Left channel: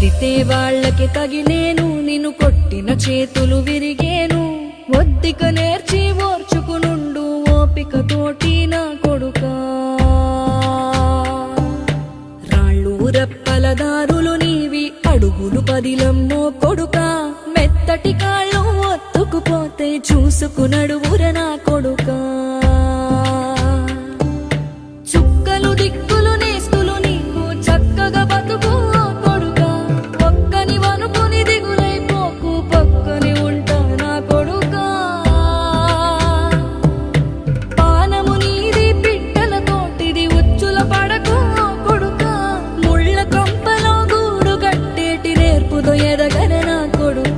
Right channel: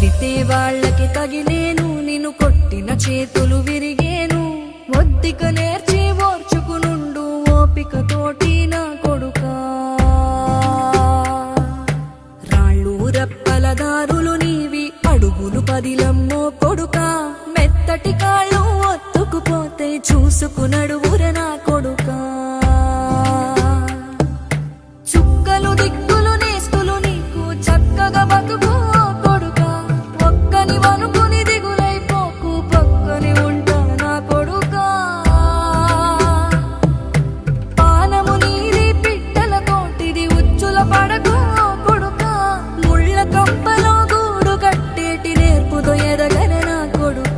తిడితే వాళ్ళకి తగిలేను, నిన్ను కొట్టిన చేతులు విరిగేను. ఒద్దిక నేర్చి ఓర్చుకునుండు ఓపిక తోటి నా కొడుకా. రాళ్ళు రెప్పల దారులు నీవి, అడుగులు పదిలమ్మో కొడుకా. మెత్తటి కాళ్ళు ఒత్తుకుపోతే చూసుకునడువుర నా కొడుకా. చుక్కలు దిక్కులు నేస్తులు నీకు చక్కగా బతుకు కొడుకా. ఒక్కని వనుకుని దిగులైపోకు, పక్కని ఉంటా నా కొడుకా. పానము నీది పిట్టల తోటిది, ఉచ్చుల పడకు కొడుకా. ముళ్ళ కంపలో గూడు కట్టేటి నేర్పుతో ఎదగన నా కొడుకా.